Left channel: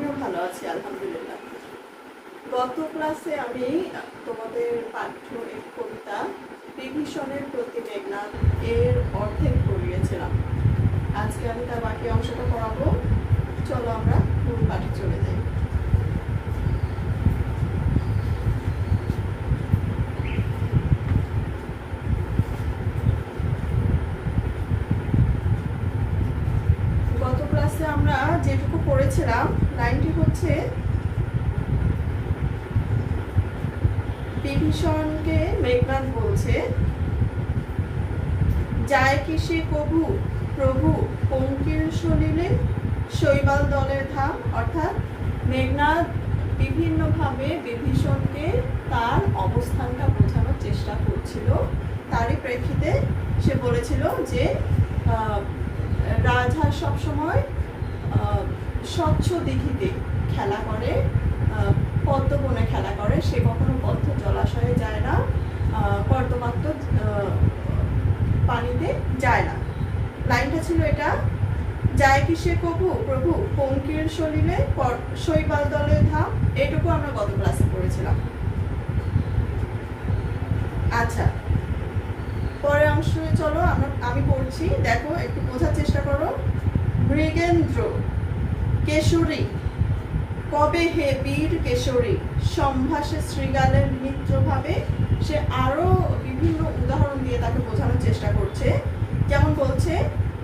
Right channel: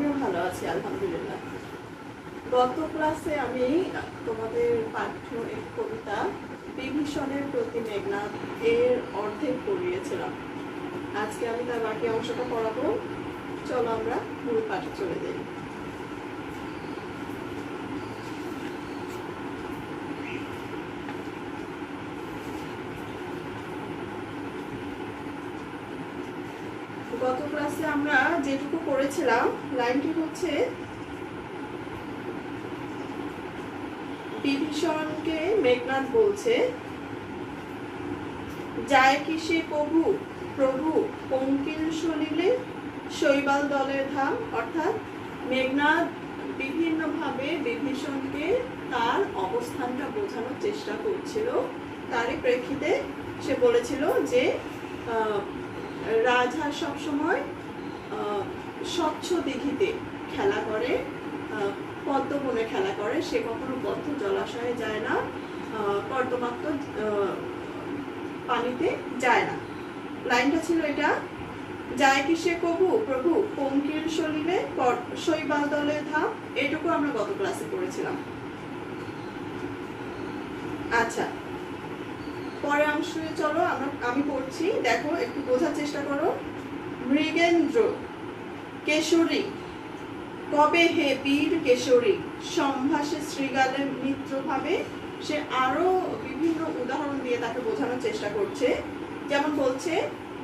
আমিও ভালো আছি আলহামদুলিল্লাহ। গত ক্লাসে আমি তোমাদের পাঠ্য একটি কবিতা বিভীষণের প্রতি মেঘনাদ এর অর্ধেক পড়িয়েছিলাম। আজকে আমি তার বাকি অংশটা পড়াবো। চলো আমরা মূল পাঠে চলে যাই। গত ক্লাসে আমরা যেটুকু পড়েছিলাম, লাইনটি হচ্ছে, বিভীষণকে মেঘনাদ বলছে, যায় কি সে কভু প্রভু পঙ্কিল সলিলে শৈবাল দলের ধাম। অর্থাৎ মেঘনাদ বিভিন্নভাবে বিভীষণকে তার অবস্থানটা বোঝানোর চেষ্টা করছিল। তারই প্রেক্ষিতে সে বলেছিল যে রাজহাঁস সবসময় স্বচ্ছ দিঘিতে খেলা করে, পদ্মবনে খেলা করে, সে কখনো বদ্ধ জলাশয়ে যায় না, কর্দমাক্ত পানিতে যায় না। লাইনটা ছিল এটা, যায় কি সে কভু প্রভু পঙ্কির সলিলে শৈবাল দলের ধাম। এটুকু আমরা গত ক্লাসে পড়েছিলাম। আচ্ছা, পরে অংশে চলো আমি পড়ছি, দেখো একটু বোঝার চেষ্টা করো। মৃগেন্দ্র কেশরী কবে হে বীর কেশরী সম্ভাসে শৃগালের মিত্র ভাবে। সে আরো বিভিন্ন উদাহরণ দিয়ে তাকে বোঝানোর চেষ্টা করছে। যেমন বলছে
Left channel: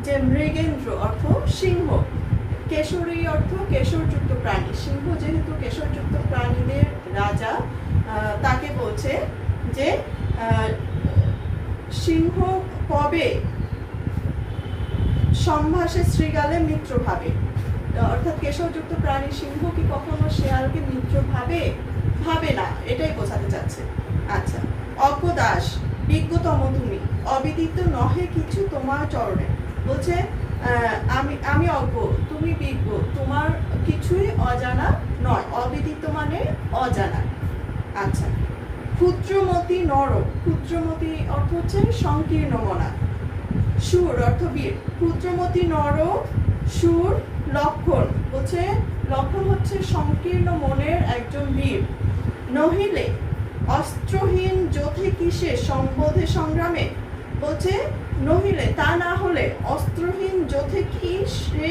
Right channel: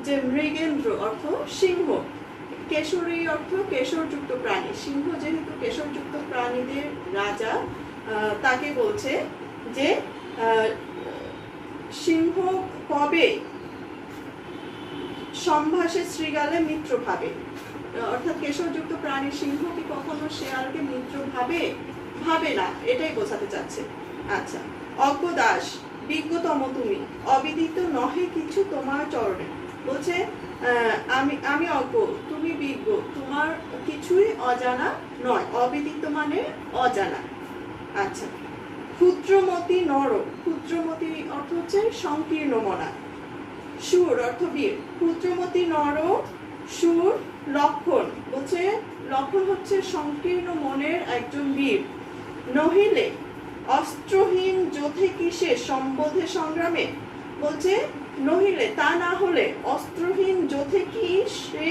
যে মৃগেন্দ্র অর্থ সিংহ, কেশরী অর্থ কেশরযুক্ত প্রাণী। সিংহ যেহেতু কেশরযুক্ত প্রাণীদের রাজা, তাকে বলছে যে সিংহ কবে সম্ভাসে শৃগালে মিত্র ভাবে। অর্থাৎ কেশরযুক্ত প্রাণী সিংহ কি কখনো শেয়ালকে মিত্র ভাবে? ভাবে না, এটাই বোঝাতে চাচ্ছে। আচ্ছা, অজ্ঞদাস বিজ্ঞতম তুমি অবিদিত নহে কিছু তোমার চরণে। বলছে আমি অজ্ঞ, তুমি বিজ্ঞ, তোমার কিছুই অজানা নয়। অবিদিত মানে অজানা। আচ্ছা, ক্ষুদ্রমতি নর, ক্ষুদ্রমতি অর্থ হচ্ছে সংকীর্ণ মনা। সুর অর্থ বীর, ক্ষুদ্রমতি নর সুর লক্ষণ, বলছে লক্ষণ হচ্ছে সংকীর্ণ মনের একজন বীর। নহিলে অস্ত্রহীন যোধে কিসে সম্বোধে সংগ্রামে। বলছে নহিলে তা না হলে অস্ত্রহীন যোধে কি সে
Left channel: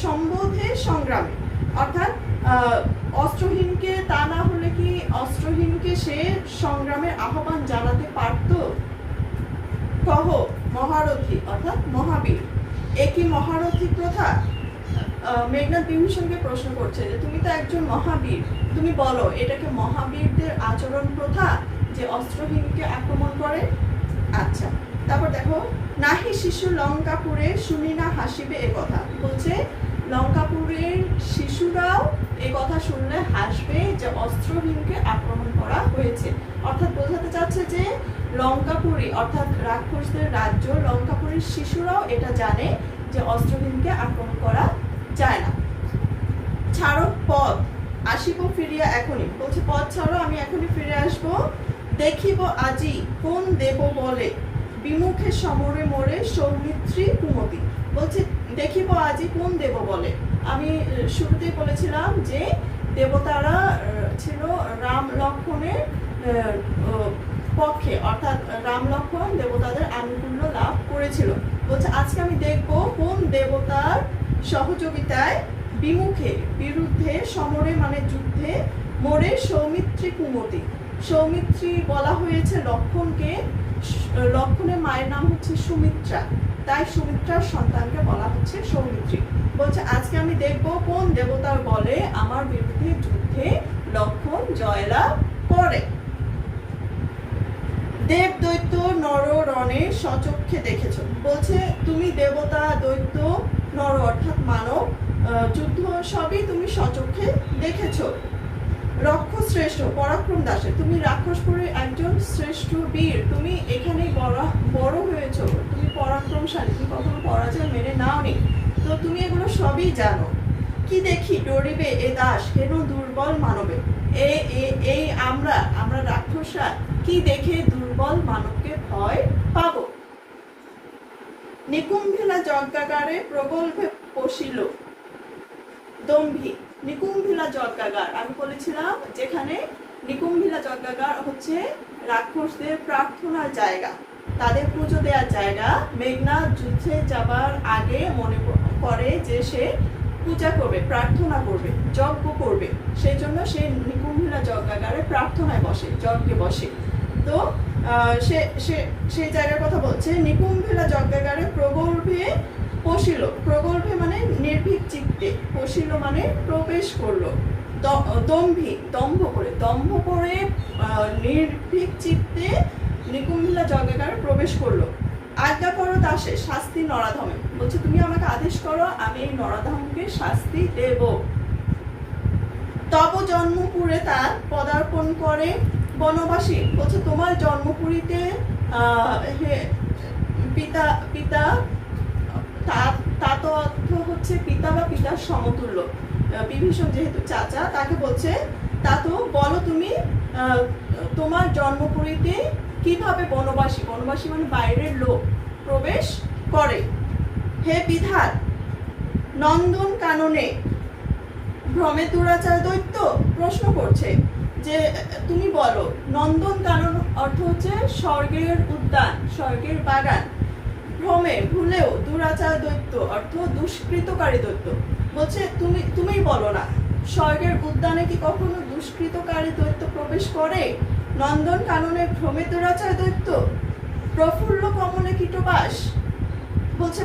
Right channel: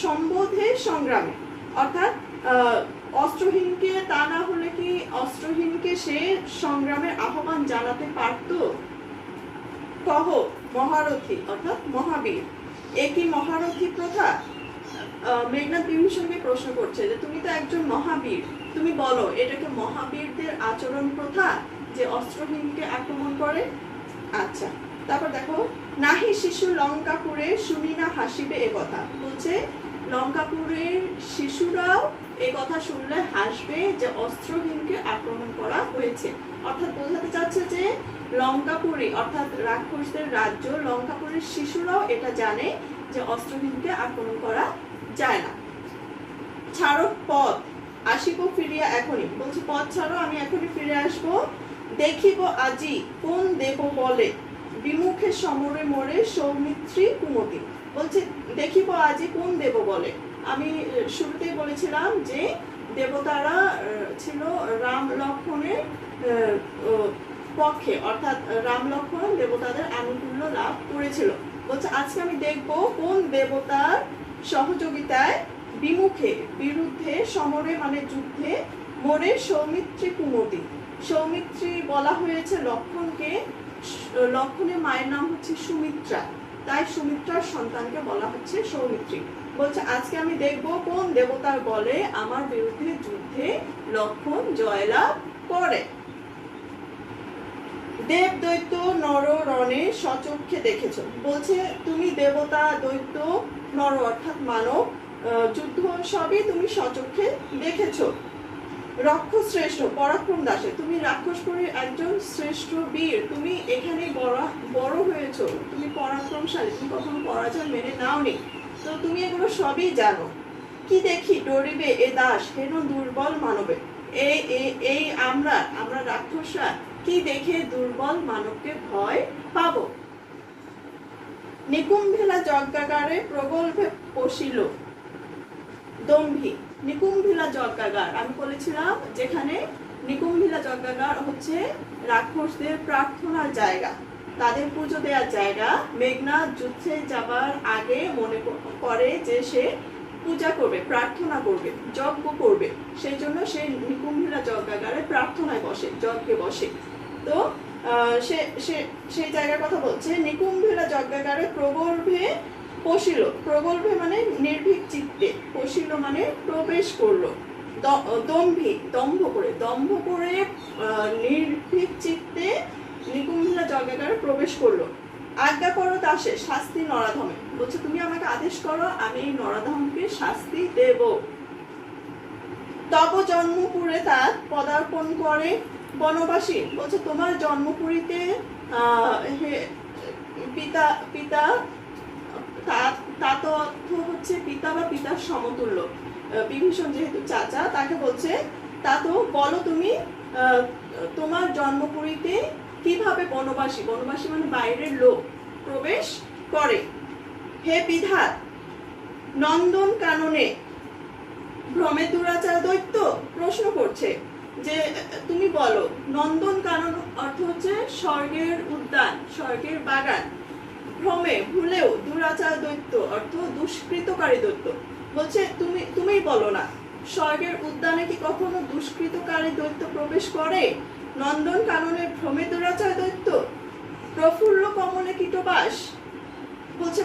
সম্বোধে সংগ্রামে। অর্থাৎ অস্ত্রহীনকে তা না হলে কি অস্ত্রহীনকে সে সংগ্রামের আহ্বান জানাতে পারত? কহ মহারথী অর্থাৎ মহাবীর, একই মহারথী প্রথা। মেঘনাদ বিভীষণকে প্রশ্ন করছে যে তুমি তো একজন মহাবীর, তুমি বলো এটাকে মহাবীরদের আচরণ প্রথা যে অস্ত্রহীনকে আক্রমণ করে? আচ্ছা, তারপর দেখো, নাহি শিশু লঙ্কাপুরে শুনি না হাসিবে এ কথা। বলছে লঙ্কাপুরের শিশুরাও এ কথা শুনলে হাসবে যে অস্ত্রহীনকে আক্রমণ করা হয়েছে। অর্থাৎ বোঝাতে চাচ্ছে যে লঙ্কাপুরী অর্থাৎ রাক্ষসদের রাজ্য লঙ্কাপুরের শিশুরাও এটা জানে যে অস্ত্রহীনকে আক্রমণ করা যায় না। ছাড়ো পথ আসিব ফিরিয়া এখনই। বলছে পথ ছাড়ো, আমি এখনই ফিরে আসব। দেখিব আজি কোন দেব বলে বিমুখে সমরে মরে সৌমিত্রী কুমতি। বলছে দেখিব আজি কোন দেব বলে। আমি শুরুতেই বলেছিলাম যে দেবতারা ছিল রাম লক্ষ্মণের পক্ষে, অর্থাৎ রাম লক্ষ্মণ দেবতাদের আনুকূল্য লাভ করেছিল। বলছে আজকে আমি দেখব কোন দেবতার সহযোগিতায় বিমুখে বিরুদ্ধে সমরে মানে যুদ্ধে মরে সৌমিত্রী কুমতি। সৌমিত্রী বলা হয়েছে লক্ষ্মণকে, লক্ষ্মণের মায়ের নাম হচ্ছে সুমিত্রা, তাই সুমিত্রার সন্তানকে বলা হচ্ছে সৌমিত্রী। বলছে আজকে আমি দেখব কোন দেবতার বলে আমার বিরুদ্ধে যুদ্ধে লক্ষ্মণ জয়লাভ করে। দেব দৈত্য নর রণে সচক্ষে দেখেছ। বলছে তুমি দেবতা দৈত্য নর অর্থাৎ মানব যুদ্ধ সবই তুমি সচক্ষে দেখেছ। রক্ষ শ্রেষ্ঠ পরাক্রম দাসে, তুমি রাক্ষসপুরের একজন শ্রেষ্ঠ বীর, তুমি এখানেই বড় হয়েছ, তুমি পরাক্রমশালী, তুমি কখনো পরাজয় মেনে নাওনি, তো তুমি এগুলো সবই জানো। কি দেখি ডরিবে এ দাস হেন দুর্বল মানবে। এই আমরা রাক্ষসরা কি দেখে দুর্বল মানবকে ভয় পাবো। নিকুম্ভিলা যজ্ঞাগারে প্রগল্ভে পশিল দম্ভী। নিকুম্ভিলা যজ্ঞাগার আমি বলেছিলাম যেখানে নিকুম্ভিলা যজ্ঞাগার হচ্ছে রাক্ষসদের প্রার্থনার জায়গা, তাদের পুজো দেওয়ার জায়গা। মেঘনাদ যুদ্ধে যাবার আগে মনে করে যে সে পূজা করবে, প্রার্থনা করবে, যজ্ঞ করবে, সেই জন্য সে নিকুম্ভিলা যজ্ঞাগারে প্রার্থনায় বসে, যজ্ঞে বসে। তো সেই জায়গার কথা বলছে। নিকুম্ভিলা যজ্ঞাগারে প্রগল্ভে পশিল, প্রগল্ভে মানে নির্ভীক চিত্তে, পশিল মানে প্রবেশ করলো। দম্ভী দম্ভ করে নির্ভীক চিত্তে নিকুম্ভিলা যজ্ঞাগারে প্রবেশ করলো। আজ্ঞা করো দাসে শাস্তি নরাধমে, বলছে তুমি আমাকে আদেশ করো, আমি এই নরাধমকে শাস্তি দেব। তব জন্মপুরে তার পদার্পণ করে বনবাসী, বলছে তোমার জন্মপুরীতে পিতা পিতা তা তো অর্থ হচ্ছে পিতা বা পিতার সমতুল্য। বিভীষণ যেহেতু চাচা, তাকে বলছে তা তো বলো তুমি তোমার জন্মপুরীতে কিভাবে বনবাসী, বনবাসী মানে বাইরের লোক প্রবেশ করে। হে বিধাত নন্দন কাননে ভ্রমে দুরাচার দৈত্য, প্রশ্ন করছে যে তুমি বলো নন্দন কানন অর্থ হচ্ছে স্বর্গের উদ্যান, স্বর্গের বাগান। ভ্রমে ভুলেও দুরাচার দৈত্য অর্থ দুষ্কৃতকারী দৈত্য, বলছে তুমিই বলো না স্বর্গের উদ্যানে কি কখনো দুষ্কৃতকারী দৈত্য প্রবেশ করে? নন্দন কাননে ভ্রমে দুরাচার দৈত্য। প্রফুল্ল কমলে কীটবাস, বলছে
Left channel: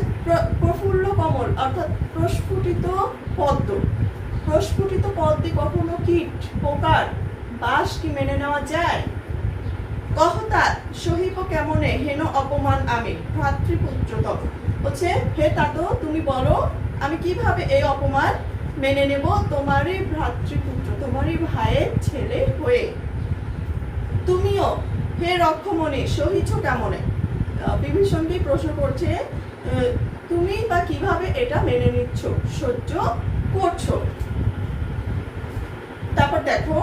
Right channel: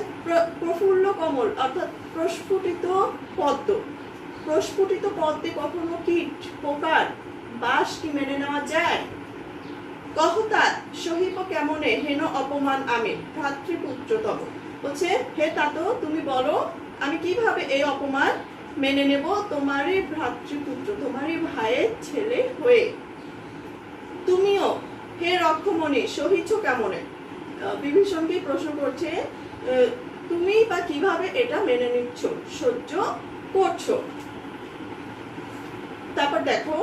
প্রফুল্ল কমল অর্থাৎ প্রস্ফুটিত পদ্ম, প্রস্ফুটিত পদ্মে কখনো কীট পোকার বাস কি মেনে নেওয়া যায়? কহতা সহিব কেমনে হেন অপমান আমি ভ্রাতৃপুত্রতম, বলছে হে তাতো তুমি বলো আমি কিভাবে এই অপমান মেনে নেব তোমারই ভ্রাতৃপুত্র, তোমারই ভাইয়ের ছেলে হয়ে। তুমিও হে রক্ষমণি সহিছ কেমনে, বিভীষণকে প্রশ্ন করছে তুমি বা কিভাবে এটা মেনে নিচ্ছ, সহ্য করছো। তারপর দেখো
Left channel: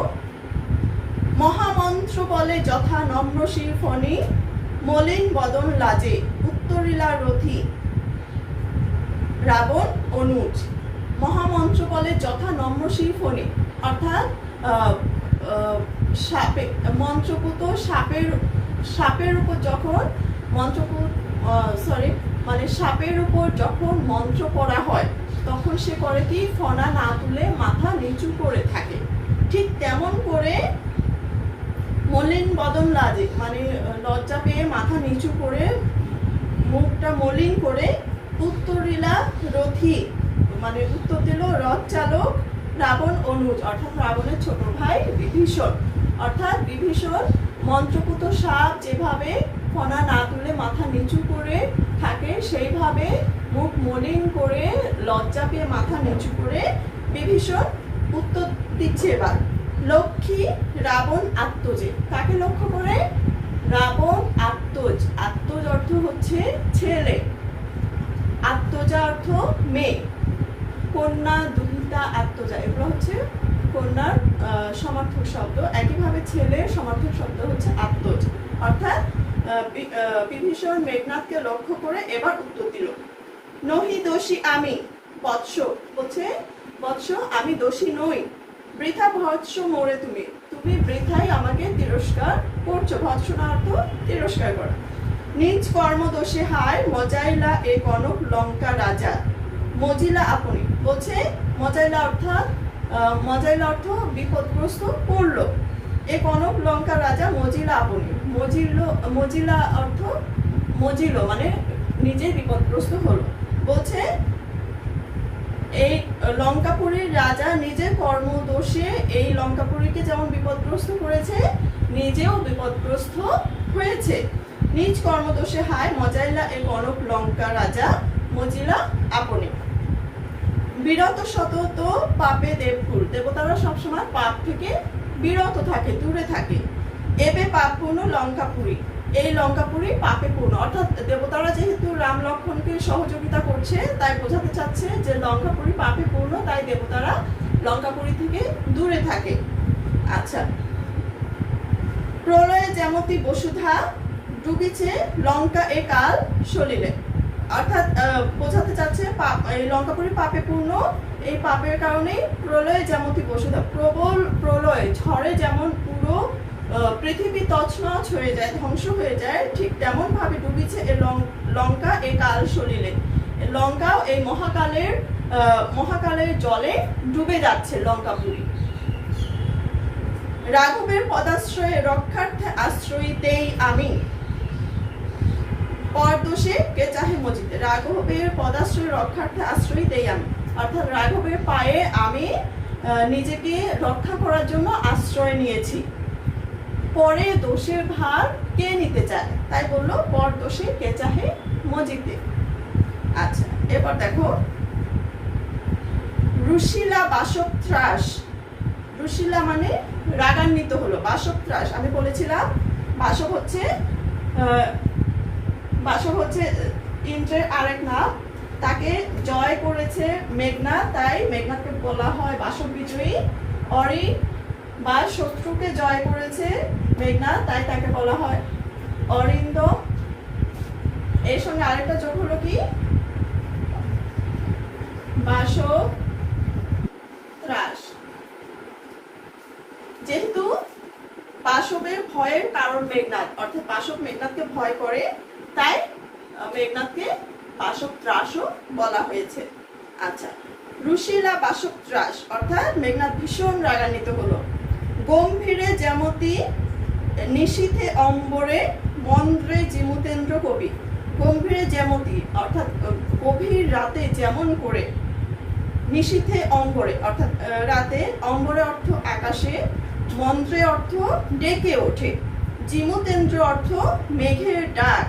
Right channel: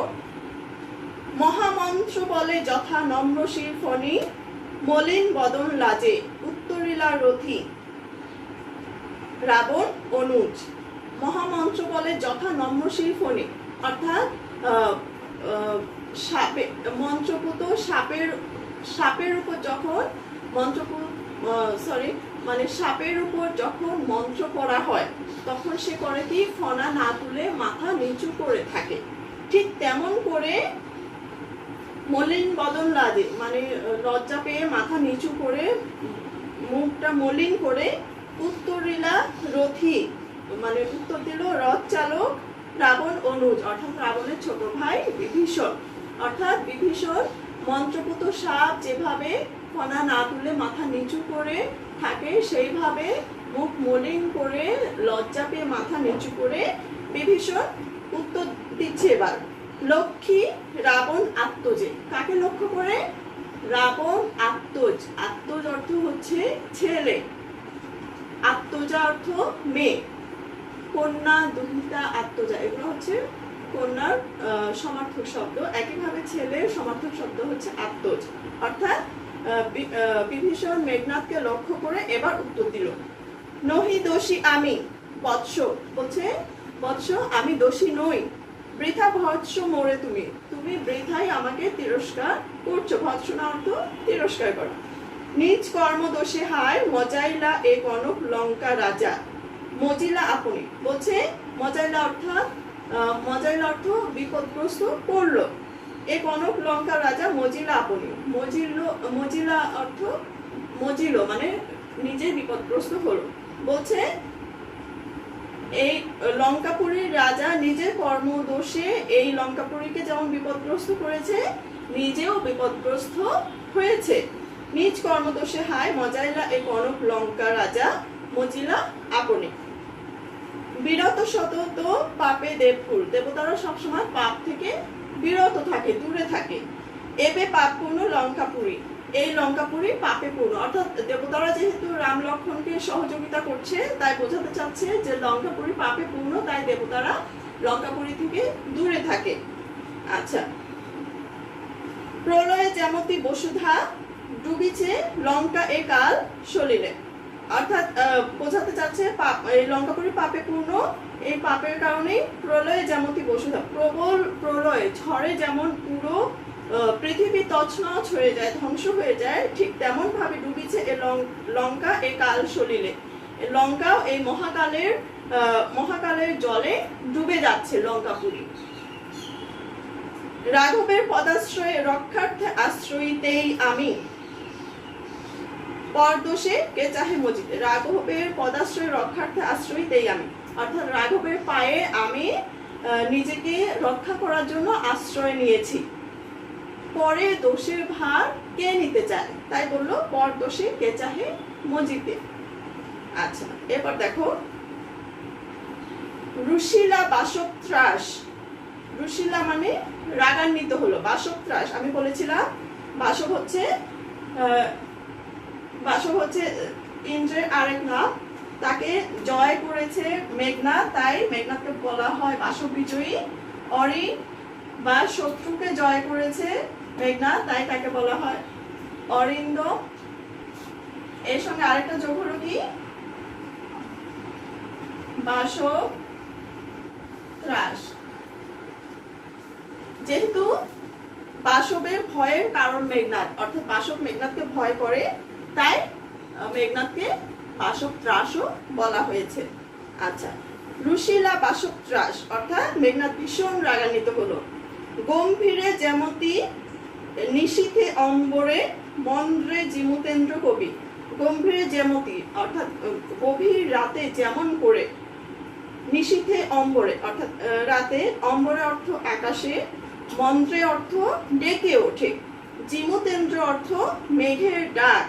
মহামন্ত্র বলে যথা নম্রশির ফণি মলিন বদন লাজে উত্তরিলা রথি রাবণ অনুজ। মহামন্ত্র বলে যথা নম্রশির ফণি অর্থাৎ মন্ত্রপুত সাপের উপর যখন সাপের উপর যখন মন্ত্র পড়া হয় তখন সে করে কি ফণা না তুলে মাথা নিচু করে থাকে, ঠিক তেমন করে মলিন বদন লাজে মানে লজ্জা পেয়ে মাথা নিচু করে মুখটা মলিন করে উত্তরিলা রথি মানে উত্তর দিল রথ চালক রাবণ অনুজ অর্থাৎ রাবণের ছোট ভাই বিভীষণ। অর্থাৎ বিভীষণ মন্ত্রপুত সাপ যেভাবে ফণা না তুলে মাথা নিচু করে থাকে সেইভাবে মুখ মলিন করে লজ্জা পেয়ে মাথা নিচু করে বিভীষণ উত্তর দিচ্ছে। এবার লক্ষ্মী রাবণ আত্মজে, কাকে লক্ষ্য করে? রাবণ আত্মজ, আত্মজ অর্থ হচ্ছে ছেলে, আত্মজা অর্থ মেয়ে, কন্যা দুহিতা আত্মজা এগুলো হচ্ছে কন্যার সমার্থক শব্দ। একইভাবে ছেলের সমার্থক শব্দ হচ্ছে আত্মজ। অর্থাৎ বিভীষণ মেঘনাথকে লক্ষ্য করে এবার উত্তর দিল নহি দোষী আমি বৎস, বলছে বৎস আমি দোষী নই। বৃথা ভৎস মোরে তুমি, তুমি বৃথাই আমাকে তিরস্কার করছো। ভৎসনা অর্থ তিরস্কার করা। নিজ কর্ম দোষে হায় মজাইলা এ কনক লঙ্কা রাজা মজিলা আপনি, বলছে মজাইলা অর্থ বিপদগ্রস্ত করলো। এ কনক লঙ্কা রাজা মজিলা আপনি, মজিলা অর্থ মজিল মানে নিজে বিপদগ্রস্ত হলো। বলছে এই লঙ্কাপুরীর রাজা নিজের কর্মদোষে এই লঙ্কাপুরীকে যেমন বিপদগ্রস্ত করেছে নিজেও বিপদগ্রস্ত হয়েছে। নিজ কর্মদোষে হায় মজাইলা এ কনক লঙ্কা রাজা মজিলা আপনি। বিরত সতত পাপে দেবকুল, দেবতারা সবসময় পাপ থেকে বিরত থাকে, দূরে থাকে। এবে পাপ পূর্ণ লঙ্কাপুরী, এই লঙ্কাপুরী পাপে পূর্ণ অর্থাৎ দেবতারা যেহেতু রাম লক্ষ্মণকে সহযোগিতা করছে তাই বোঝাতে চাচ্ছে যে লঙ্কাপুরী পাপে পূর্ণ, তাই দেবতারা লঙ্কাপুরী থেকে দূরে থাকে। আচ্ছা, প্রলয়ে যেমতি বসুধা ডুবিছে লঙ্কা এ কাল সলিলে, অর্থাৎ বোঝাতে চাচ্ছে এই লঙ্কাপুরী পাপে পূর্ণ, এই পাপের কারণেই প্রলয়ে যেমনটি বসুধা, প্রবল প্রলয় ঝড়ে যেমন পুরো পৃথিবী তছনছ হয়ে যায়, ধ্বংস হয়ে যায়, ঠিক তেমন ভাবে ডুবিছে এই লঙ্কা এই কাল সলিলে। লঙ্কাও এই মহাকালের জলে ডুবে যাচ্ছে লঙ্কাপুরী। রাঘবের পদাশ্রয়ে রক্ষার্থে আশ্রয়ীতেই আমি, পরদোষে কে চাহে মজিতে। রাঘবের পদাশ্রয় রক্ষার্থে আশ্রয়ীতেই আমি, অর্থাৎ রাঘবের পায়ে আমি নিজেকে রক্ষা করার জন্য আশ্রয় নিয়েছি। পরে দোষের ভার কে নিতে চায়, তাই বললো পরদোষে কে চাহে মজিতে। আচ্ছা, এরপর দেখো রুশিলা বাসবত্রাস। রুশিলা মানে রাগান্বিত হলো, বাসবত্রাস আমি বলেছিলাম বাসব হচ্ছে ইন্দ্রের আরেক নাম। তাকে জয় করেছে মেঘনাদ, তাই মেঘনাদকে বলা হয় বাসব বিজয়ী। অরি বা শত্রুকে জয় করেছে মেঘনাদ, তাই তাকে বলা হয় অরিন্দ। এর সঙ্গে আরেকটা যোগ হলো কি বাসব ত্রাস। যেহেতু বাসবের ভয়ের কারণ মেঘনাদ, অর্থাৎ বাসব মেঘনাদকে ভয় করে, তাই মেঘনাদকে বাসব ত্রাসও বলা হয়েছে। আচ্ছা, রুশিলা বাসব ত্রাস অর্থাৎ মেঘনাদ ভীষণ রাগান্বিত হলো। গম্ভীরে যেমতি নিশীথে অম্বরে মন্দ্রে জিমুতেন্দ্র কবি। গম্ভীরে যেমতি অর্থাৎ গভীর রাতে যেমন করে, নিশীথে অম্বরে অর্থাৎ রাতে, অম্বরে অর্থ আকাশে, মন্ত্রে অর্থ ডেকে ওঠে, জিমুতেন্দ্র অর্থ মেঘের ডাক,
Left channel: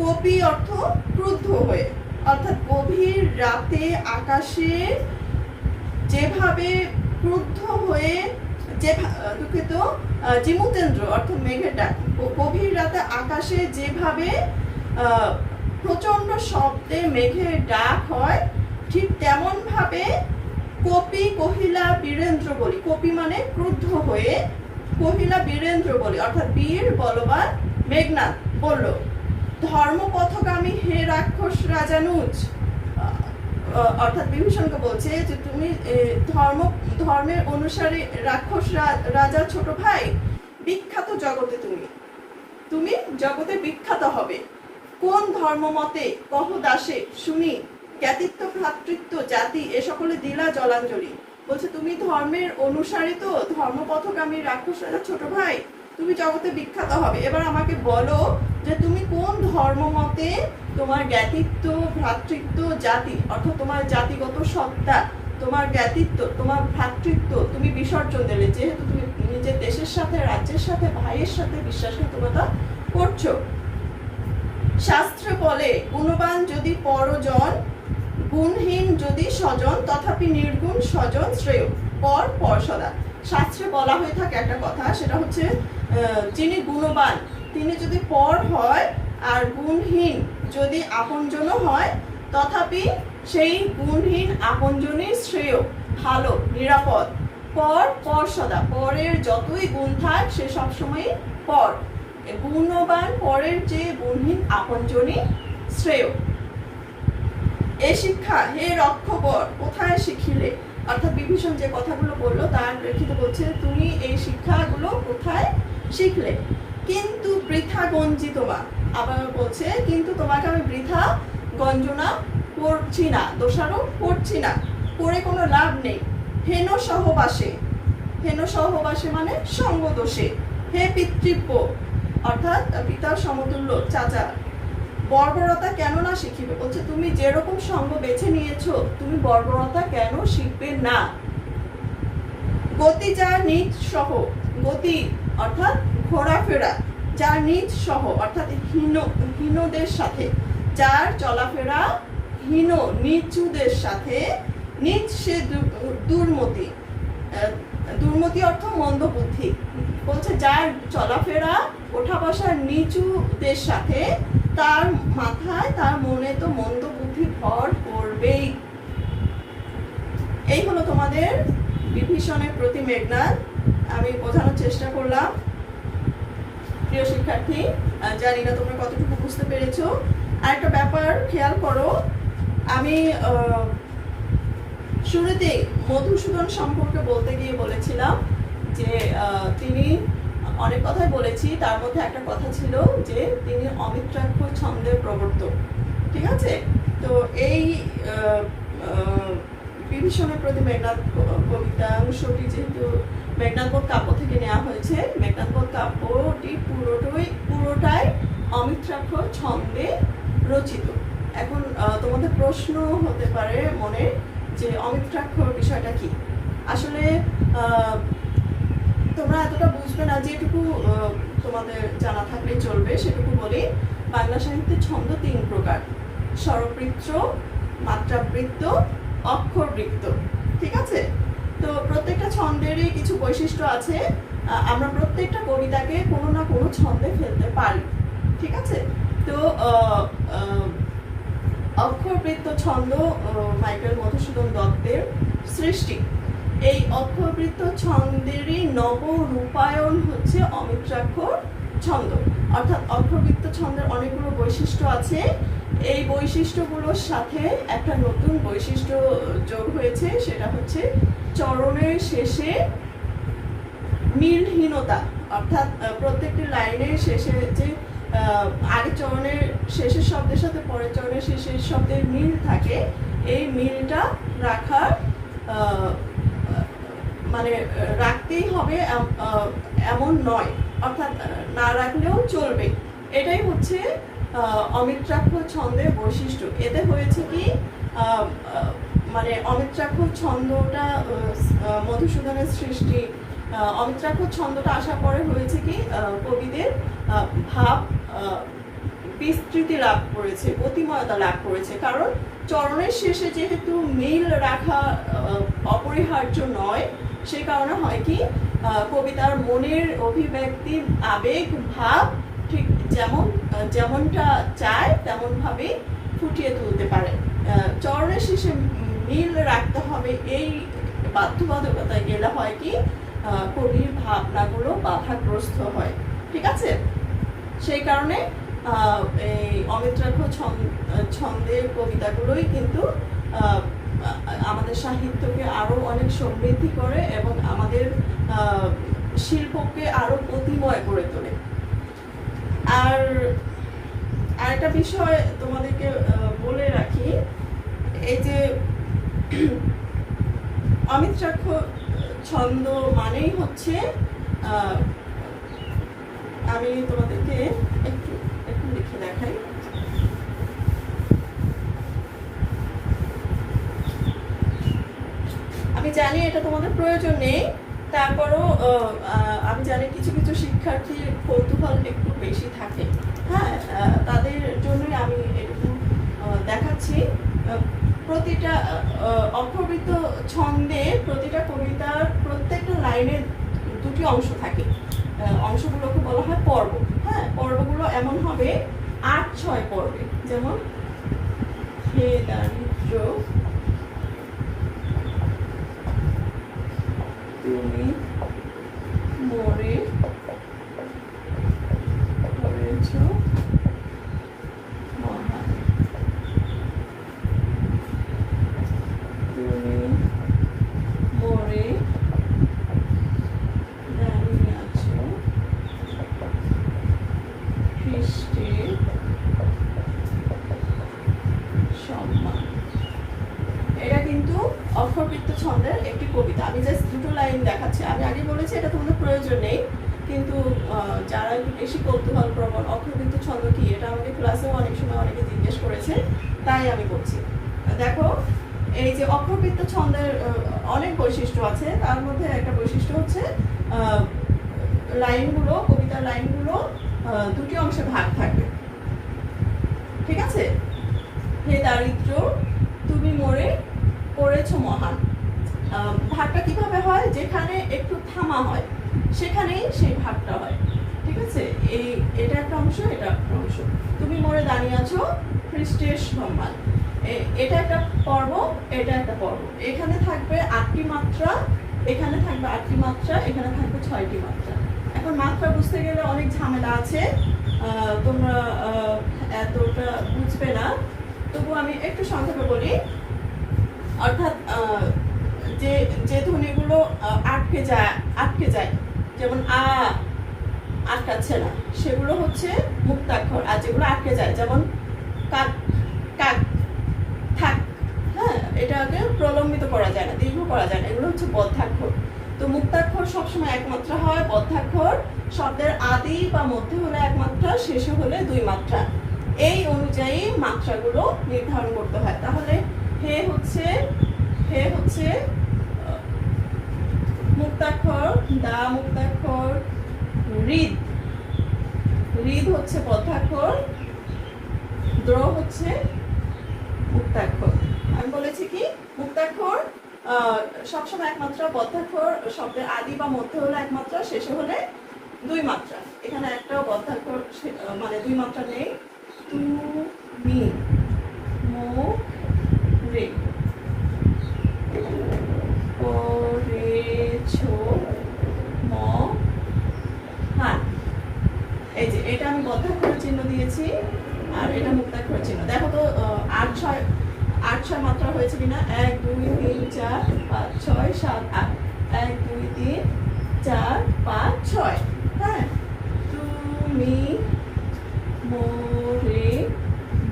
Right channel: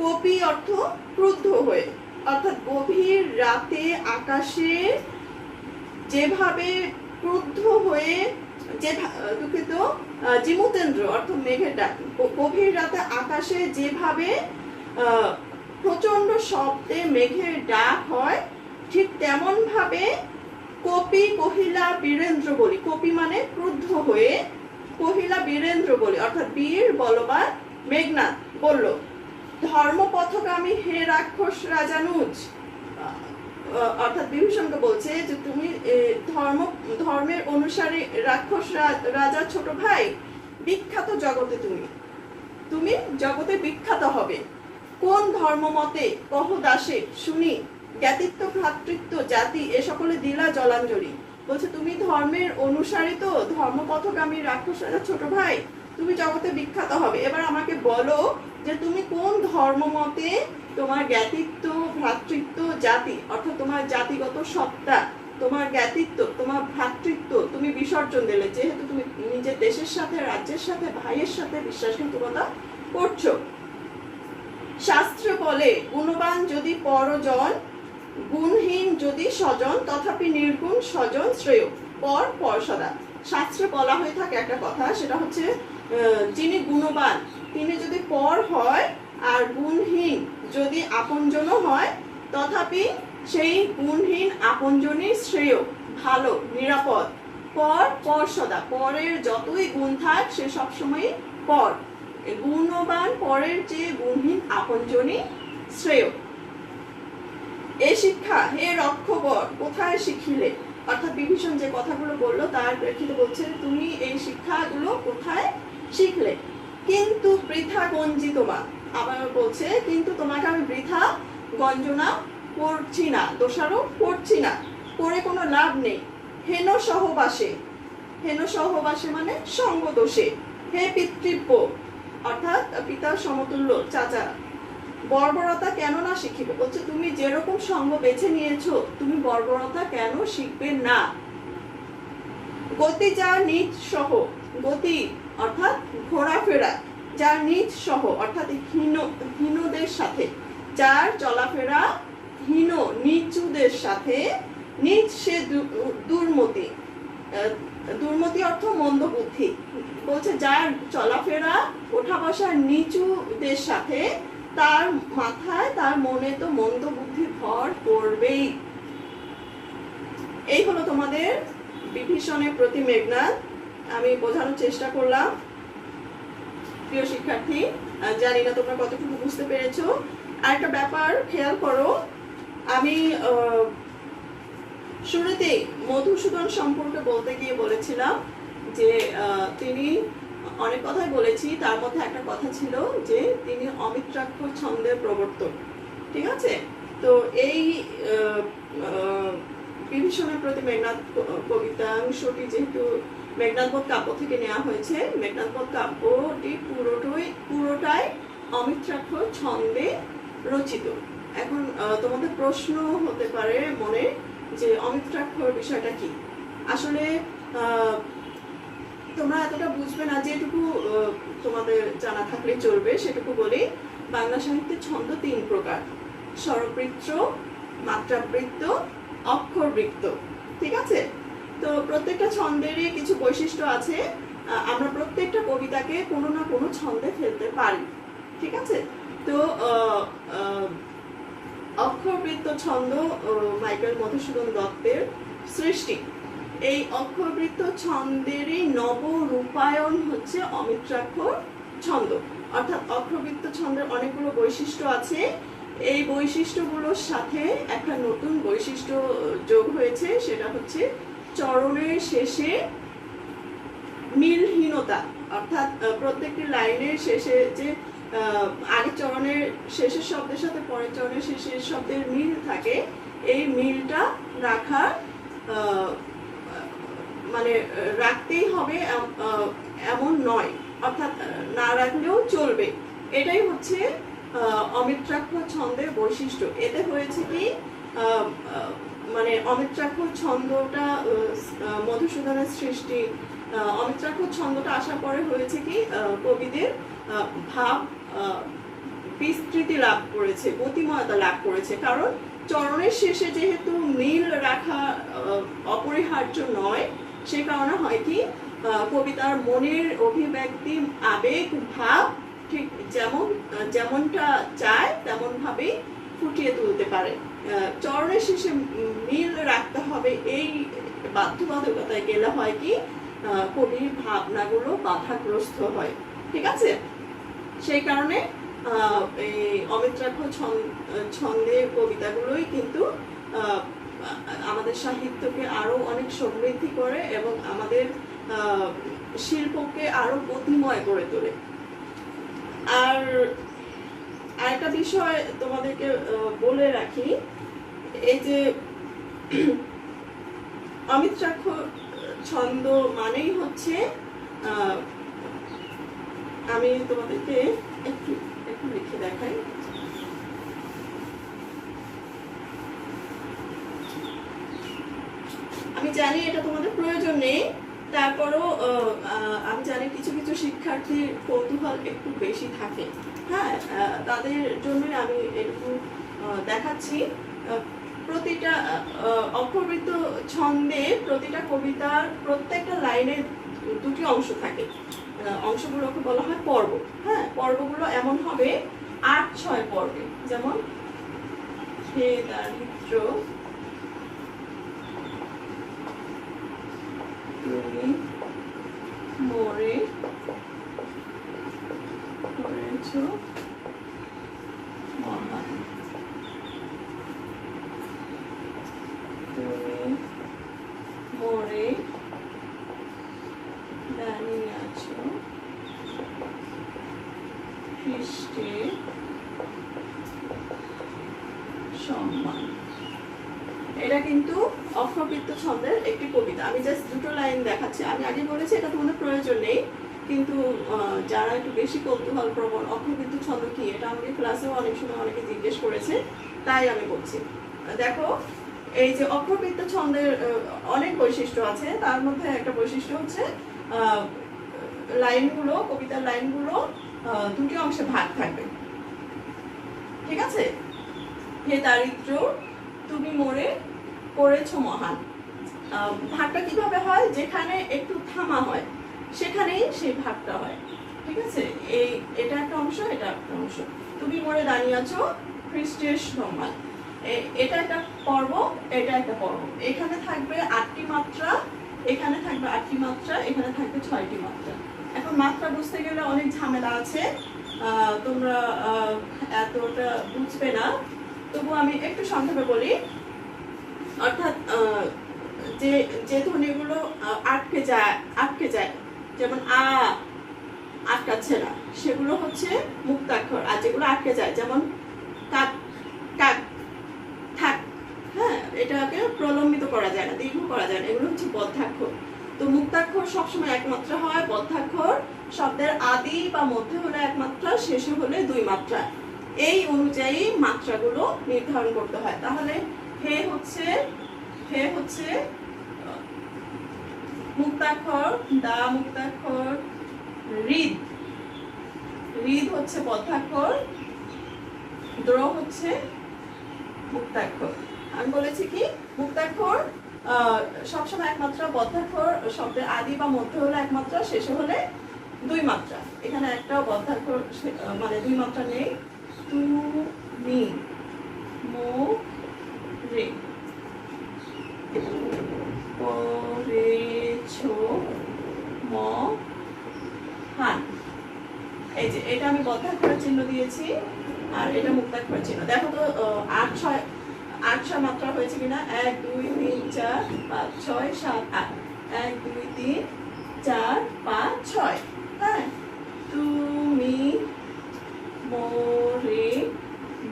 কপি অর্থ ক্রুদ্ধ হয়ে। অর্থাৎ গভীর রাতে আকাশে যেভাবে ক্রুদ্ধ হয়ে, দুঃখিত, জিমুতেন্দ্র অর্থ মেঘের ডাক, গভীর রাতে আকাশে যেভাবে প্রচন্ড শব্দে মেঘের ডাক হয়, ঠিক তেমন ভাবে কপি কহিলা বীরেন্দ্র বলি। কপি মানে ক্রুদ্ধ হয়ে, কহিলা বীরেন্দ্র বলি অর্থাৎ বীর বলবান মেঘনাদ বলল, ধর্মপথগামী হে রাক্ষস রাজানুজ। অর্থাৎ বিভীষণকে বলছে যে তুমি ধর্মের অনুসারী রাক্ষস রাজা ছোট ভাই, বিখ্যাত জগতে তুমি জগতে বিখ্যাত হবে। কোন ধর্ম মতে কহ দাসে শুনি, জ্ঞাতিত্ব ভ্রাতৃত্ব জাতি এ সকলে দিলা জলাঞ্জলি। বলছে তুমি ধর্মের অনুসারী তো, ধর্মপথগামী রাক্ষস রাজা ছোট ভাই, তুমি জগতে বিখ্যাত হবে। এবার আমাকে বলো যে তুমি কোন ধর্ম মতে তোমার জ্ঞাতিত্ব ভ্রাতৃত্ব জাতি অর্থাৎ তোমার জাতিগত সত্তা, তোমার জ্ঞাতিত্ব, তোমার ভ্রাতৃত্ব তুমি বিসর্জন দিলে, যেহেতু তুমি নিজের দেশের সাথে, রাজ্যের সাথে, ভাইয়ের সাথে বিশ্বাসঘাতকতা করছো। শাস্ত্রে বলে গুণবান যদি পরজন, গুণহীন যদি স্বজন, তথাপি নির্গুণ স্বজন শ্রেয়, পর সদা। শাস্ত্রে বলা হয়ে থাকে একটা কথা, সেটা হচ্ছে যিনি গুণবান তিনি যদি পর হয় আর গুণহীন যদি আপনজনও হয়, তথাপি সেই গুণহীন আপনজনই শ্রেয়, ভালো, নিরাপদ। পর সদা, পরের যতই গুণ থাক সে সবসময় পর, গুণবান পরের চেয়ে গুণহীন আপনজনই শ্রেয়। এ শিক্ষা হে রক্ষবর কোথায় শিখিলে। অর্থাৎ বিভীষণ যে কথাগুলো বললো তার প্রেক্ষিতে বলছে তুমি এই শিক্ষাগুলো কোথায় শিখলে। কিন্তু বৃথা গঞ্জিতমা, আবার বলছে কিন্তু তোমাকে আমি বৃথা গঞ্জনা করছি না, দোষারোপ করছি না, করে কোনো লাভ নেই। হেন সহবাসে মানে সঙ্গ দোষে। হে পিতৃব্য অর্থাৎ পিতার সমতুল্য চাচা, বর্বরতা কেন না শিখিবে। বলছে তুমি যেরকম সঙ্গ বেছে নিয়েছো, তুমি বর্বরতা কেন শিখবে না। গতি যা নিজ সহ, গতি অর্থাৎ ঘোরাফেরা, যার নিজ সহ অর্থাৎ হীনদের সাথে, যার চলাফেরা হীন নিচুদের সাথে, নিজ সে দুর্মতি, দুর্মতি অর্থ মন্দ বুদ্ধি। বলছে যার চলাফেরা ওঠা বসার নিচুদের সাথে, তার মাথায় তার মনে তো মন্দ বুদ্ধি ভর করবেই। এই হলো তোমাদের বিভীষণের প্রতি মেঘনাদ। আমি বোঝানোর চেষ্টা করলাম প্রিয় শিক্ষার্থী, জানি না তোমরা কতটুকু বুঝতে পেরেছো। আরেকটা ব্যাপার খেয়াল করো, আমি শুরুতে মধুসূদন সম্পর্কে বলতে গিয়ে বলেছিলাম যে তিনি অনেক কথাই বলেছি, তার মধ্যে একটা কথা ছিল যে তিনি অমিত্রাক্ষর ছন্দের প্রবর্তক। ঠিক আছে, তো এই বিভীষণের প্রতি মেঘনাদ কবিতাংশটি যেহেতু মেঘনাদবধ কাব্য থেকে নেওয়া হয়েছে, মেঘনাদবধ কাব্যটি পুরোটাই অমিত্রাক্ষর ছন্দে রচিত। এখন তোমাদের প্রশ্ন হতে পারে মনে যে অমিত্রাক্ষর বিষয়টা কি। আসলে তোমরা এতটা বুঝবে না, যেটুকু তোমাদের জানা থাকলে চলবে সেটুকু বলি। বাংলা সাহিত্যে ছন্দ 3 প্রকার: স্বরবৃত্ত, মাত্রাবৃত্ত, অক্ষরবৃত্ত। ঠিক আছে, তো প্রত্যেকটা ছন্দেরই কিছু বৈশিষ্ট্য আছে। আমরা প্রত্যেকটা কবিতাকে কোনো না কোনো ছন্দে ফেলতে পারি। ঠিক আছে, তো অক্ষরবৃত্ত ছন্দ মাইকেল মধুসূদন দত্তের সৃষ্টি। এই অক্ষরবৃত্ত ছন্দেরই নবরূপায়ণ হচ্ছে অমিত্রাক্ষর ছন্দ। অর্থাৎ অক্ষরবৃত্ত ছন্দের অনেকগুলো বৈশিষ্ট্য আছে, এই বৈশিষ্ট্যগুলোর সাথে একটা নতুন বৈশিষ্ট্য যোগ হয়েছে, সেটা হচ্ছে চরণের শেষে মিলহীনতা। অর্থাৎ প্রত্যেকটি লাইনের শেষে যে আগে চরণের শেষের শব্দের সাথে পরের চরণের শেষের শব্দের মিল থাকে, এই মিলটা রাখার মানে রাখতেই হবে এমন নয়, অর্থাৎ না রাখলেও চলবে। এটাই হচ্ছে অমিত্রাক্ষর ছন্দের বৈশিষ্ট্য। এতে হয়েছে কি, মানে অমিত্রাক্ষর ছন্দটা মধুসূদনের সৃষ্টি, অমিত্রাক্ষর ছন্দটা আসার পরে হয়েছে কি, কবিদের ভাব বিস্তৃতি লাভ করেছে, গতিময়তা লাভ করেছে। কারণ চরণের শেষে যেহেতু মিল রাখা অপরিহার্য নয়, সেই কারণে হয় কি, কবিতার মনের অভিব্যক্তি, আবেগ, ভাব ঠিক যেমনটা চায় তেমন ভাবে ফুটিয়ে তুলতে পারে। চরণের শেষে মিল রাখতে হবে, এই বাধ্যবাধকতায় গেলে হয় কি, কবির ভাবনাগুলো বাধাগ্রস্ত হয়। ঠিক আছে, সেই কারণে এই অমিত্রাক্ষর ছন্দের কবিতাগুলোই কিন্তু আমাদের সাহিত্যকে আরো অনেক সমৃদ্ধি করে এবং আমাদের শিল্পকে আরো গতিময় করে তোলে। আর আরেকটা বিষয় তোমাদেরকে বলে রাখি, এই যে অমিত্রাক্ষর ছন্দ মানেই হচ্ছে, আমি তোমাদেরকে একটু লিখে দেখাই। আমি জানি এটা তোমাদের প্রয়োজন নেই, তারপরও আমি জানি কিছু কিছু শিক্ষার্থীর কৌতূহল একটু বেশি থাকে। হ্যাঁ, তাদের জন্যই আমি একটু দেখাচ্ছি। প্রতিটা অক্ষরবৃত্ত ছন্দে প্রতিটা কবিতার প্রত্যেকটা লাইনে 2টি অংশ থাকে। অংশগুলোকে বলা হয় পর্ব। হ্যাঁ, পর্বগুলো এমন হবে 8-6 পর্বে। যেমন হে দারিদ্র তুমি মোরে করেছ মহান, তুমি মোরে দাঁড়িয়ে আছো খ্রিস্টের সম্মান। এটা কিন্তু অক্ষরবৃত্ত ছন্দের একটি কবিতা। আমি জাস্ট 2টো লাইন দেখাচ্ছি। আমি আগে বলেছি এটা তোমাদের প্রয়োজন নেই, কিন্তু যারা একটু বেশি কৌতূহল প্রবণ, অক্ষরবৃত্ত ছন্দ কি, এটা আমাকে ক্লাসেও অনেক সময় অনেকে জিজ্ঞেস করেছে, তাই আমি করছি। দেখো, এই যে অক্ষরবৃত্ত ছন্দের অনেক বৈশিষ্ট্য আছে, তার মধ্যে একটা বৈশিষ্ট্য হচ্ছে লাইনগুলো, কবিতার লাইনগুলো 2টি অংশে ভাগ থাকবে। ঠিক আছে, হে দারিদ্র তুমি মোরে করেছো মহান। ভাগটা কিভাবে হয়, যেখানে একটু থামা হয় সেখানেই সেই ভাগটা হয়। ঠিক আছে, এটা একটা অংশ, এটা একটা অংশ। তুমি মোরে দাঁড়িয়ে আছো খ্রিস্টের সম্মান, এটা একটা পর্ব, এটা একটা পর্ব। এখানে থাকবে 8টি মাত্রা, এখানে থাকবে 8টি মাত্রা, এখানে থাকবে 6টি মাত্রা। এখন মাত্রা বুঝতে গেলে অনেক ঝামেলা আছে, তোমরা এতটা বুঝবে না, তবু আমি একটু সংক্ষেপে বলি। অর্থাৎ যে যে ধ্বনিগুলো আটকে যায়, যেমন আটকাচ্ছে না, সেগুলো হচ্ছে মুক্তাক্ষর। আর যেগুলো আটকে যায়, যেমন কাক, কাক, থাক, হ্যাঁ, এটাকে প্রলম্বিত করা যায় না, দীর্ঘ করা যায় না, এগুলো হচ্ছে বদ্ধাক্ষর। তো মুক্তাক্ষর সবসময় এক মাত্রা হয়, বদ্ধাক্ষর শব্দের আদি বা মধ্যে হলে এক মাত্রা, শেষে হলে 2 মাত্রা। এই অনুযায়ী মাত্রাগুলো নির্ধারণ করতে হয়। তাহলে হে হচ্ছে মুক্তাক্ষর, দা মুক্তাক্ষর, রিদ হচ্ছে বদ্ধাক্ষর, দ্র হচ্ছে মুক্তাক্ষর। আমি বলেছি কি মুক্তাক্ষর সবসময় একমাত্রা, বদ্ধাক্ষর শব্দের আদি বা মধ্যে হলে এক মাত্রা, শেষে হলে 2 মাত্রা। এখানে একটাও বদ্ধাক্ষর মানে 2 মাত্রা নেই। তুমি, মো, রে, পড়েছো, ম, হান। এই যে এটা আমি বদ্ধাক্ষরের চিহ্ন দিয়েছি, আর এটা মুক্তাক্ষরের চিহ্ন। দেখো তো 8 মাত্রা হয়েছে কিনা। 1 2 3 4 5 6 7 8। 1 2 3 4 5 6। হ্যাঁ, তুমি, মোরে,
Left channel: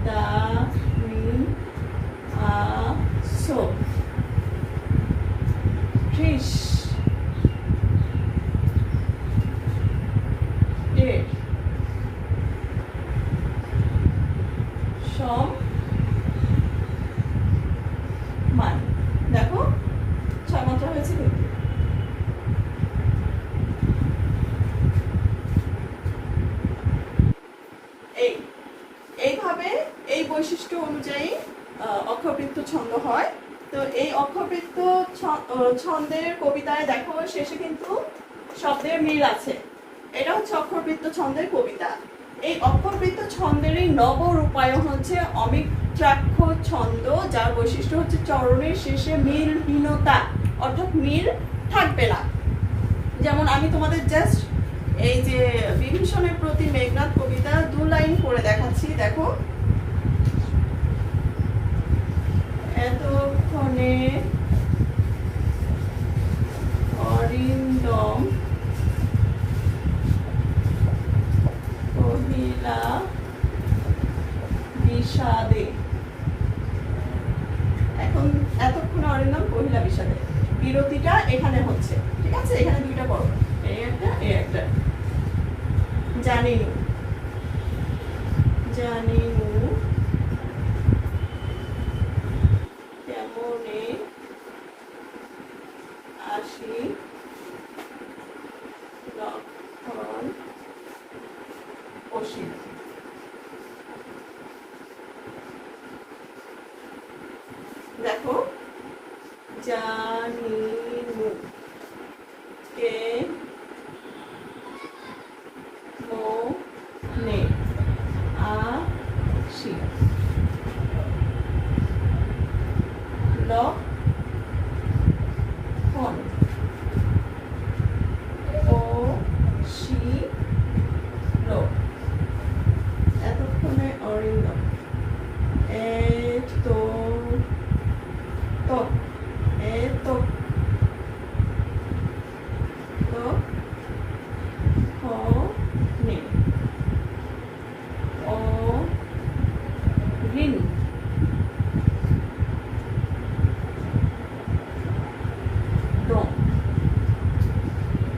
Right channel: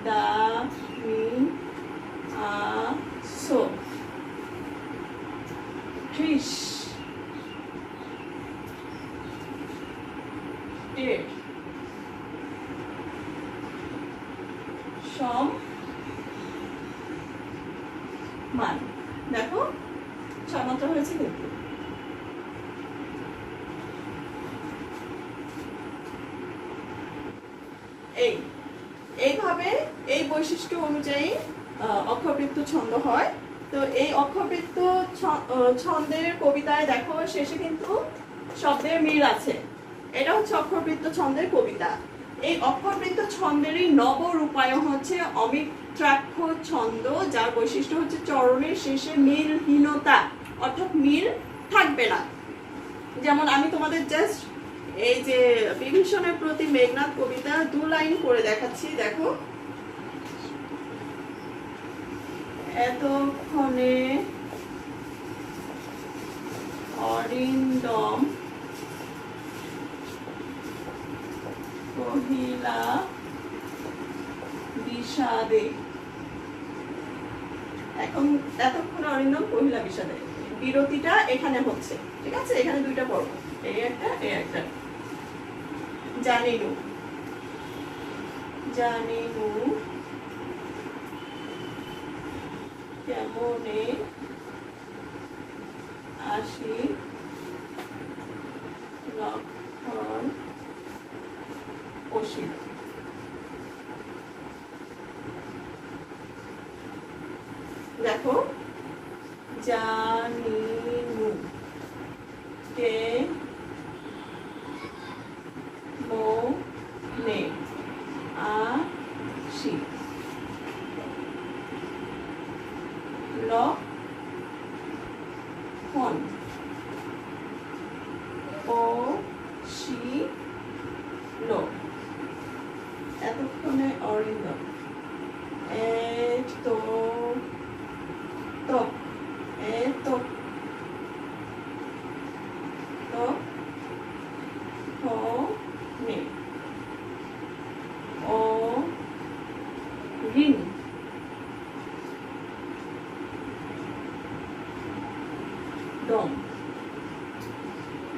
দামি, আসো, ত্রিশ, এর, সম, মান। দেখো 6 মাত্রা হয়েছে কিন্তু। এইভাবে এই বৈশিষ্ট্য অনুযায়ী অক্ষরবৃত্ত ছন্দ হয়। তো এই অক্ষরবৃত্ত ছন্দের কবিতায় দেখো শেষে কিন্তু শব্দের মিল আছে। এটা হচ্ছে অক্ষরবৃত্ত ছন্দের কবিতা। এই অক্ষরবৃত্ত ছন্দেরই নবরূপায়ণ হচ্ছে অমিত্রাক্ষ ছন্দ, যার বৈশিষ্ট্য হচ্ছে চরণের শেষে মিলহীনতা, অর্থাৎ মিল থাকবে না। যেমন আমি তোমাদের জাস্ট এই যে বিভীষণের প্রতি মেঘনাদ কবিতা 2 লাইন পড়ে দেখাচ্ছি। দেখো, এতক্ষণে অরিন্দম কহিলা বিষাদে। এখন এতক্ষণে অরিন্দম কহিলা বিষাদে, বিরতিটা এখানে হচ্ছে, ঠিক আছে? এখানে 2টা পর্ব, এই একটা। জানিনু কেমনে আসি লক্ষণ অসীম। দেখো, জানিনু কে মনে আসি লক্ষণ অসীম। এতক্ষণে অরিন্দম,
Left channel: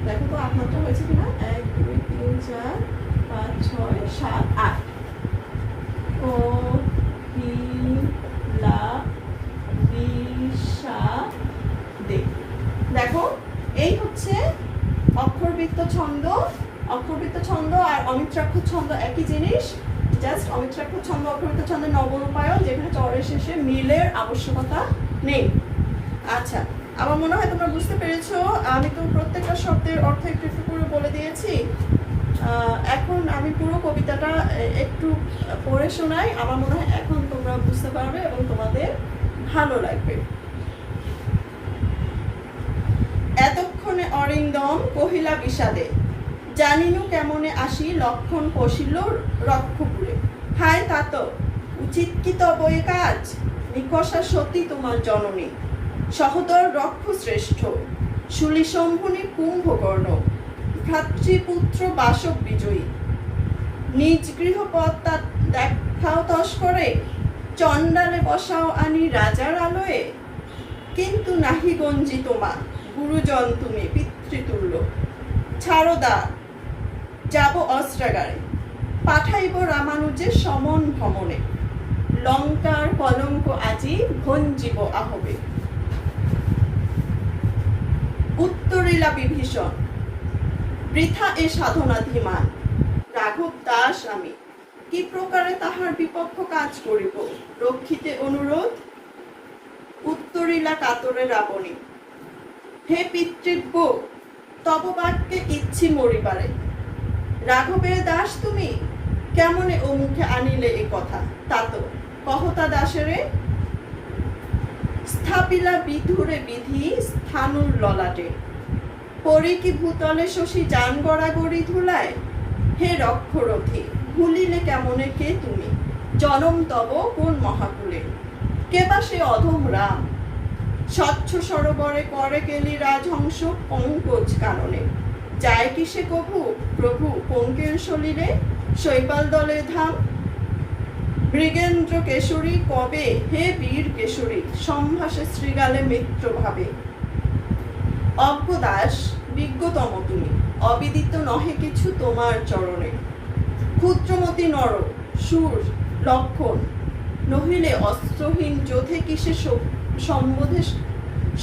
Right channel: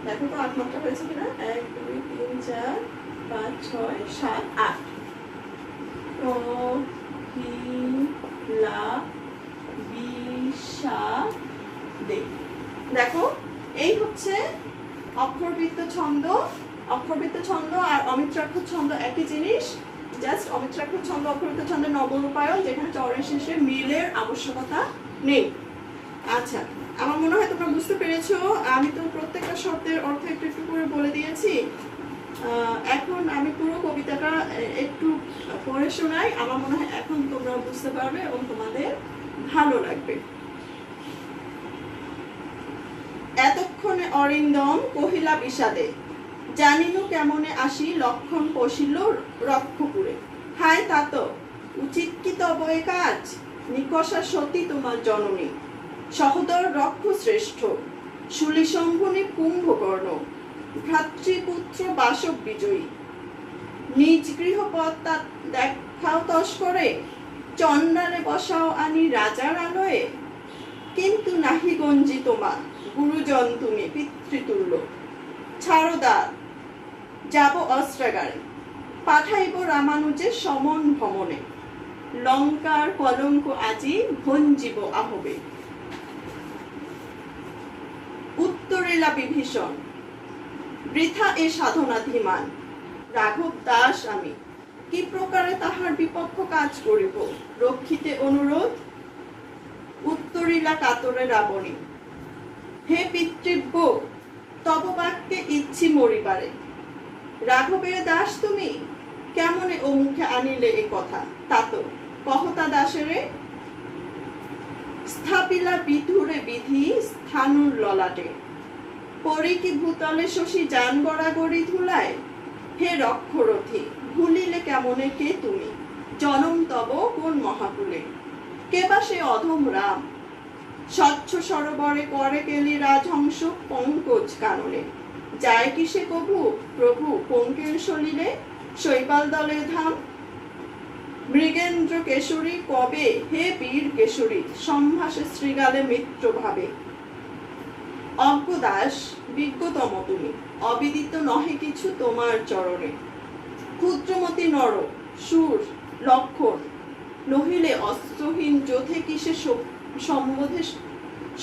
দেখো তো 8 মাত্রা হয়েছে কিনা। 1 2 3 4 5 6 7 8। কহিলা বিষাদে। দেখো, এই হচ্ছে অক্ষরবৃত্ত ছন্দ। অক্ষরবৃত্ত ছন্দ আর অমিত্রাক্ষর ছন্দ একই জিনিস, জাস্ট অমিত্রাক্ষর ছন্দ অক্ষরবৃত্ত ছন্দের নবরূপায়ণ, যেখানে চরের শেষে মিলের আবশ্যকতা নেই। আচ্ছা, আমার মনে হয় তোমরা বুঝতে পেরেছো। আমি তো প্রত্যেকটা শব্দের অর্থ একটু একটু করে বলে দিয়েছি। এখন আমি পুরো কবিতাটা একটু পড়ে শোনাই। আমার মনে হয় এখন তোমরা বুঝতে পারবে এবং তোমাদের ভালো লাগবে। এতক্ষণে অরিন্দম কহিলা বিষাদে। জানিনু কেমনে আসি লক্ষণ পশিল রক্ষপুরে। হায় তাত উচিত কি তব এ কাজ, নিকষা সতী তোমার জননী, সহদর রক্ষ শ্রেষ্ঠ, শুলি শম্ভুনি কুম্ভকর্ণ, ভ্রাতৃপুত্র বাসব বিজয়ী, নিজ গৃহপথ তা দেখাও তস্করে, চণ্ডালে বসাও আনি রাজার আলোয়ে। কিন্তু নাহি গঞ্জি তোমা, গুরুজন তুমি পিতৃতুল্য, ছাড়ো দা যাব অস্ত্রাগারে, পাঠাইব রামানুজের সমন ভ্রমণে, লঙ্কার কলঙ্ক আজি ভঞ্জিব আহবে। উত্তরিলা বিভীষণ, বৃথা এ সাধনাধিমান, রাঘব দাস আমি, কি প্রকারে তাহার বিপক্ষ কাজ করিব, রক্ষিতে অনুরোধ। উত্তরিলা কাতরে রাবণী, হে পিতৃব্য, তব বাক্যে ইচ্ছি মরিবারে, রাঘবের দাস তুমি, কেমনে ও মুখে আনিলে এ কথা, তাতো কহতা দাসেরে। স্থাপিলা বিধুরে বিধি স্থানুর ললাটে, পরে কি ভূতলে শশী যান গড়াগড়ি ধুলায়। হে রক্ষরথী, ভুলিলে কেমনে কে তুমি, জনম তব কোন মহাকুলে, কে বা সে অধম রাম, স্বচ্ছ সরোবরে করে কেলি রাজহংস পঙ্কজ কাননে, যায় কি সে কভু প্রভু পঙ্কের সলিলে, শৈবাল দলে ধাম। মৃগেন্দ্র কেশরী কবে হে বীর কেশরী, সম্ভাষে শ্রীগালে মিত্র ভাবে। অজ্ঞদাস বিজ্ঞতম তুমি, অবিদিত নহে কিছু তোমার চরণে, ক্ষুদ্রমতি নর সুর লক্ষণ, নহিলে অস্ত্রহীন যোধে কিসে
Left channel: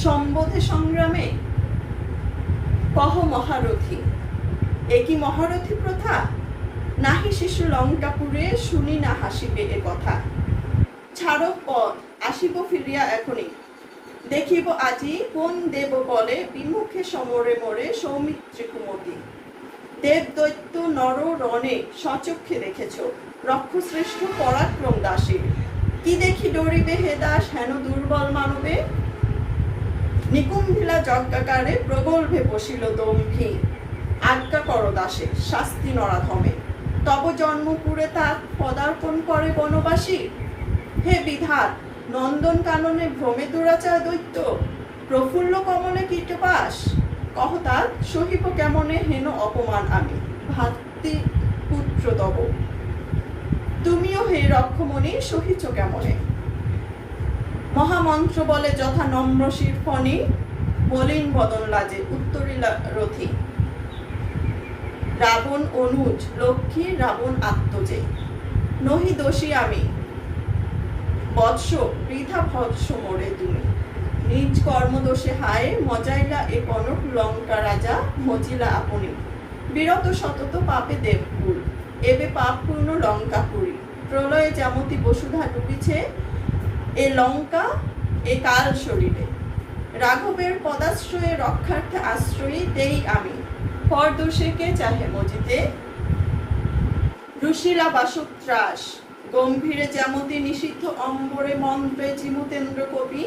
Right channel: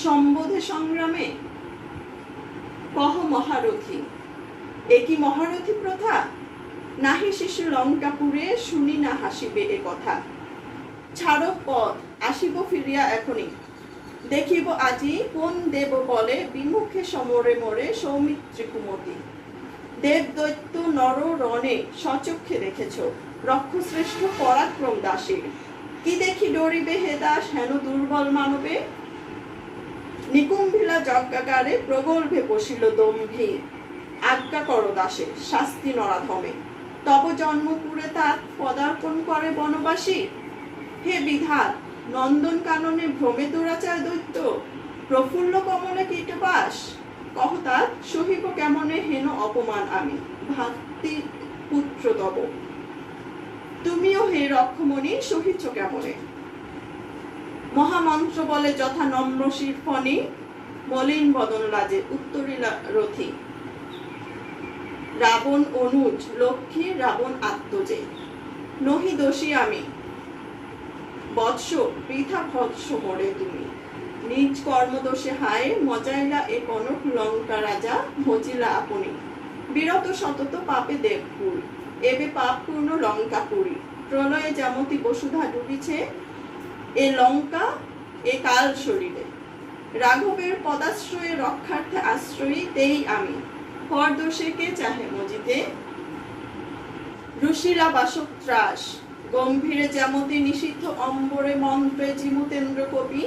সম্বোধে সংগ্রামে। কহ মহারথী, একই মহারথী প্রথা, নাহি শিশু লঙ্কাপুরে শুনি না হাসিবে এ কথা। ছাড়ো পথ, আসিব ফিরিয়া এখনই, দেখিব আজি কোন দেব বলে বিমুখে সমরে মরে সৌমিত্রী কুমতি। দেব দৈত্য নর রণে সচক্ষে দেখেছ, রক্ষশ্রেষ্ঠ পরাক্রম দাসে, কি দেখি ডরিবে হে দাস হেন দুর্বল মানবে। নিকুম্ভিলা যজ্ঞাকারে প্রগল্ভে বসিল দম্ভী, আজ্ঞা কর দাসের শাস্তি নরাধমে, তব জন্মপুরে তা পদার্পণ করে বনবাসী। হে বিধাত, নন্দন কাননে ভ্রমে দুরাচার দৈত্য, প্রফুল্ল কমলে কীটবাস, কহতাৎ সহিব কেমনে হেন অপমান আমি, ভাতৃ পুত্র তব। তুমিও হে রক্ষমণি সহিছ কেমনে, মহামন্ত্র বলে যথা নম্র শিরফণি, মলিন বদন লাজে উত্তরিলা রথী। রাবণ অনুজ লক্ষ্মী রাবণ আত্মজে, নহি দোষী আমি, বৎস বৃথা ভৎস মোরে তুমি, নিজ কর্মদোষে হায় মজাইলা এ কনক লঙ্কা রাজা, মজিলা আপনি। বিরত সতত পাপে দেবকুল, এবে পাপ পূর্ণ লঙ্কাপুরী, প্রলয়ে যেমতি বসুধা ডুবিছে এ লঙ্কা এ কাল শরীরে। রাঘবের পদাশ্রয়ে রক্ষার্থে আশ্রয়ী তেই আমি, পর দোষে কে চাহে মজিতে। রুশিলা বাসুত্রাস, গম্ভীরে যেমতি নিষিদ্ধ অম্বরে মন্ত্রে জিমুতেন্দ্র কবি,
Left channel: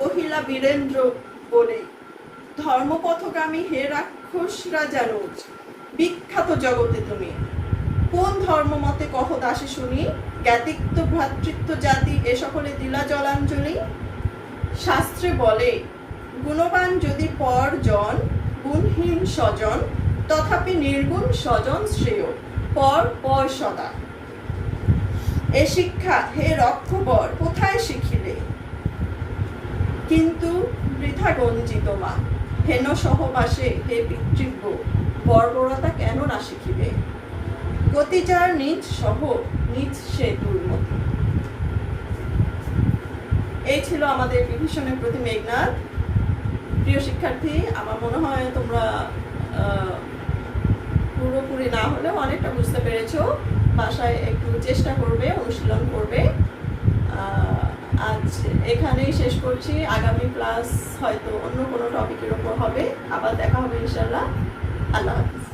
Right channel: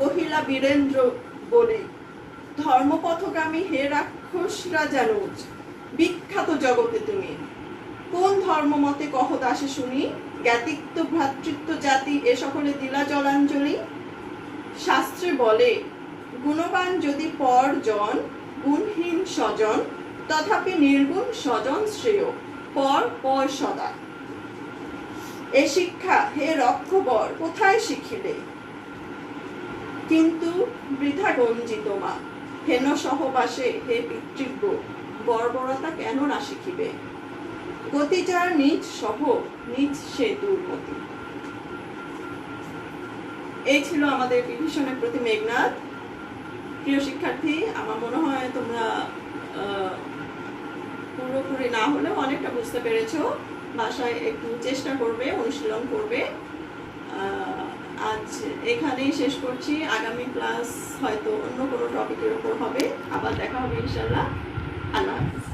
কহিলা বীরেন্দ্র বলে, ধর্মপথগামী হে রাক্ষস রাজানুজ, বিখ্যাত জগতে তুমি, কোন ধর্মমতে কহ দাসে শুনি, জ্ঞাতিত্ব ভ্রাতৃত্ব জাতি এ সকলে দিলা জলাঞ্জলি। শাস্ত্রে বলে, গুণবান যদি পর জন, গুণহীন স্বজন, তথাপি নির্গুণ স্বজন শ্রেয়, পর পর সদা। এ শিক্ষা হে রক্ষবর কোথায় শিখিলে, কিন্তু বৃথা গঞ্জিত মা, হেন সহবাসে হে পিতৃব্য, বর্বরতা কেন না শিখিবে। গতি যার নিজ সহ নিজ সে দুর্মতি। এই ছিল আমাদের বিভীষণের প্রতি মেঘনাদ। প্রিয় শিক্ষার্থী, আমার মনে হয় তোমরা পুরোপুরি না হলেও অনেকটা বুঝতে পেরেছো। বাসায় একটু চেষ্টা করবে, অনুশীলন করবে। আজ এখানেই শেষ করছি। আগামী ক্লাস হয়তো অন্য কোনো টপিকের উপর হবে। আবার দেখা হবে ইনশাআল্লাহ। আল্লাহ হাফেজ।